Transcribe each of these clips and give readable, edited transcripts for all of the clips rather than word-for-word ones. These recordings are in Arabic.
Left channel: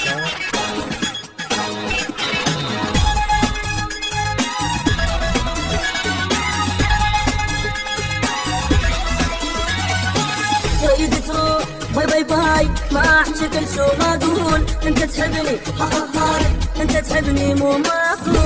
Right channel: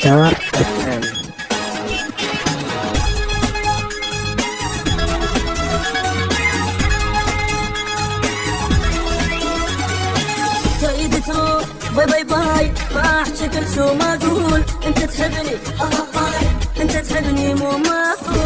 ستار اف ام. تريد تروح باي باي باي، ما شكل شو ما اقول. انت تحبني هاي، انت تحبني مو معقول.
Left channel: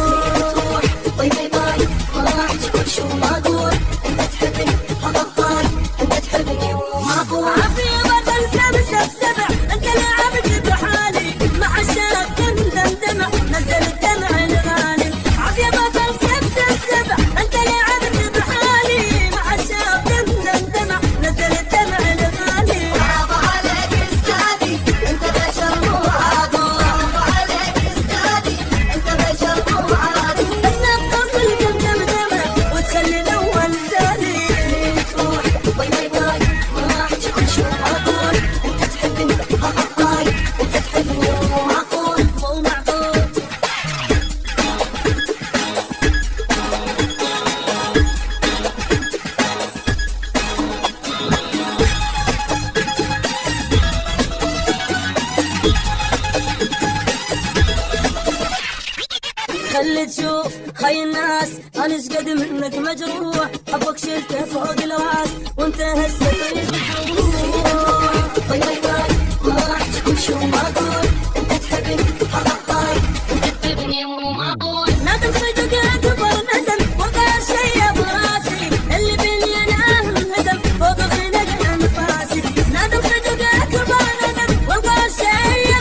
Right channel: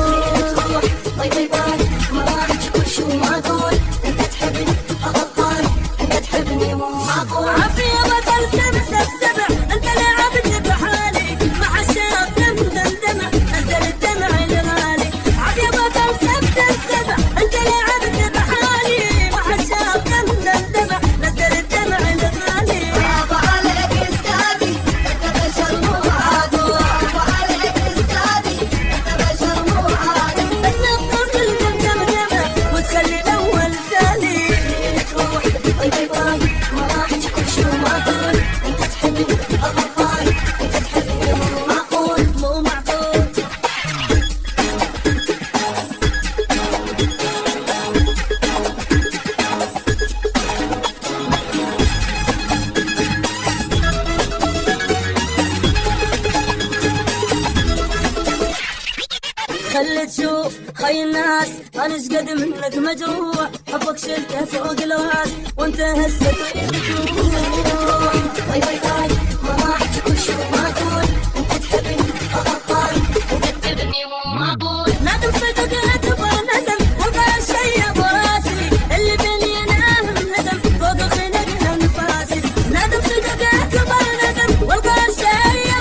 تروح باي باي باي، ما شكل شو ما اقول. انت تحبني هاي، انت تحبني مو معقول. عافية بطل سبع سبع، انت لعبت بحالي مع الشاب دمدمة نزل الدمع الغالي. عافية بطل سبع سبع، انت لعبت بحالي مع الشاب دمدمة نزل الدمع الغالي. برافو عليك استاذي، انت بشر مو عادي. برافو عليك استاذي، انت بشر مو عادي. النقص الدمدمة وتخلي الاول ثاني. تروح باي باي باي، ما راح تكون شو ما اقول. انت تحبني هاي، انت تحبني مو معقول مو معقول. خلي تشوف هاي الناس انا ايش قد منك مجروح. حبك شلته فوق الراس وانت هسه طيب تروح. باي باي باي، ما راح تكون شو ما اقول. انت تحبني هاي، انت تحبني مو معقول. ندم صدق اكبر ندم وضع شي براسي. اللي بيني ناهم هدم فوق خلق انفاسي. ندم صدق اكبر ندم وضع شي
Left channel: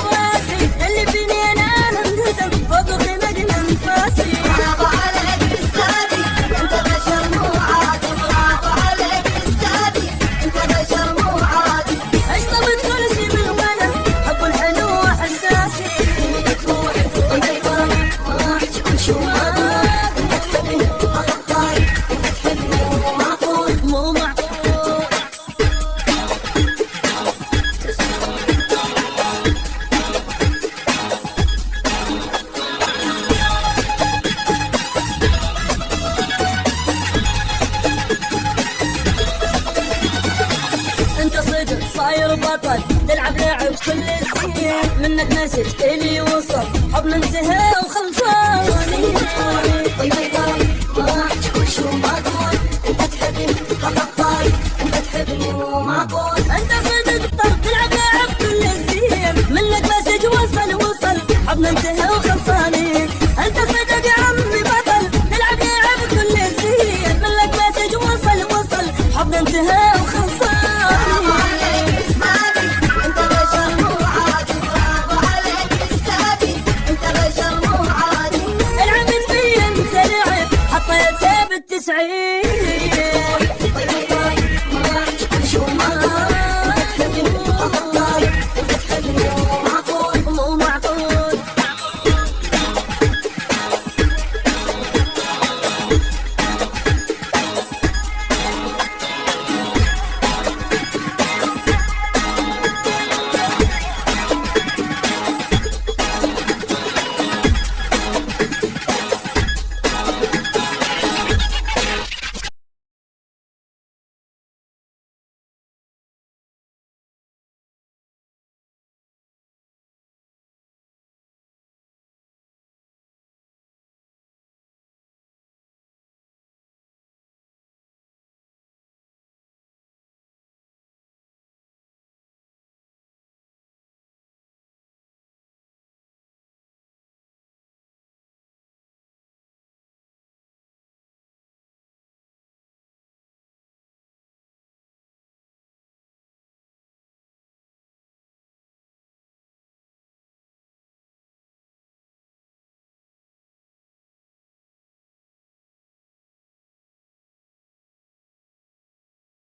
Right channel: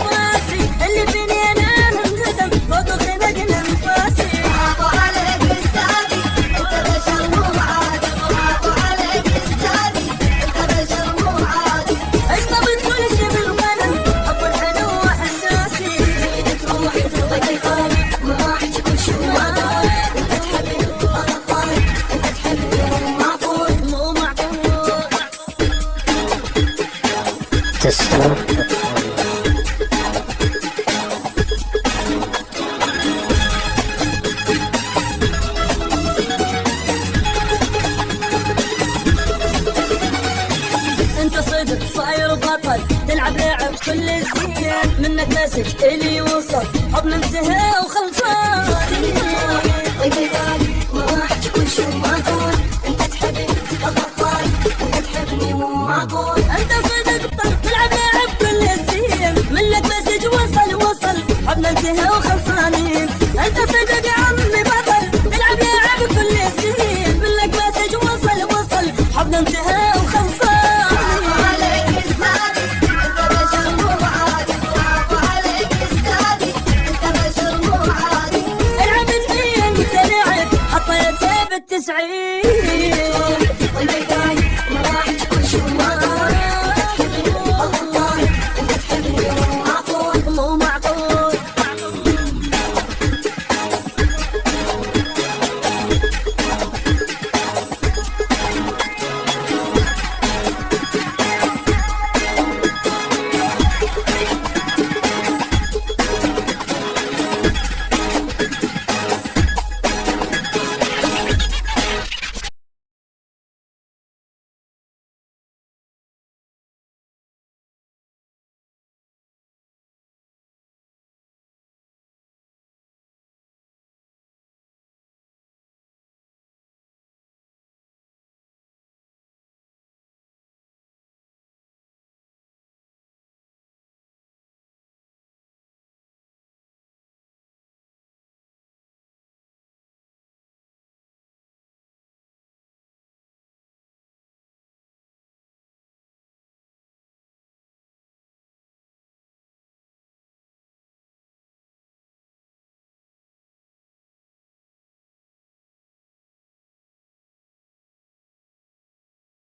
براسي. اللي بيني ناهم هدم فوق خلق انفاسي. برافو عليك استاذي، انت بشر مو عادي. برافو عليك استاذي، انت بشر مو عادي. اشطبت كل شي بالغنم، حب الحلو احساسي. تروح باي باي باي، ما راح تكون شو ما اقول. انت تحبني هاي، انت تحبني مو معقول مو معقول. ستار اف ام. انت صدق صاير بطل، تلعب لعب كل زين. منك مسج الي وصل، حب منتهى وخلصان.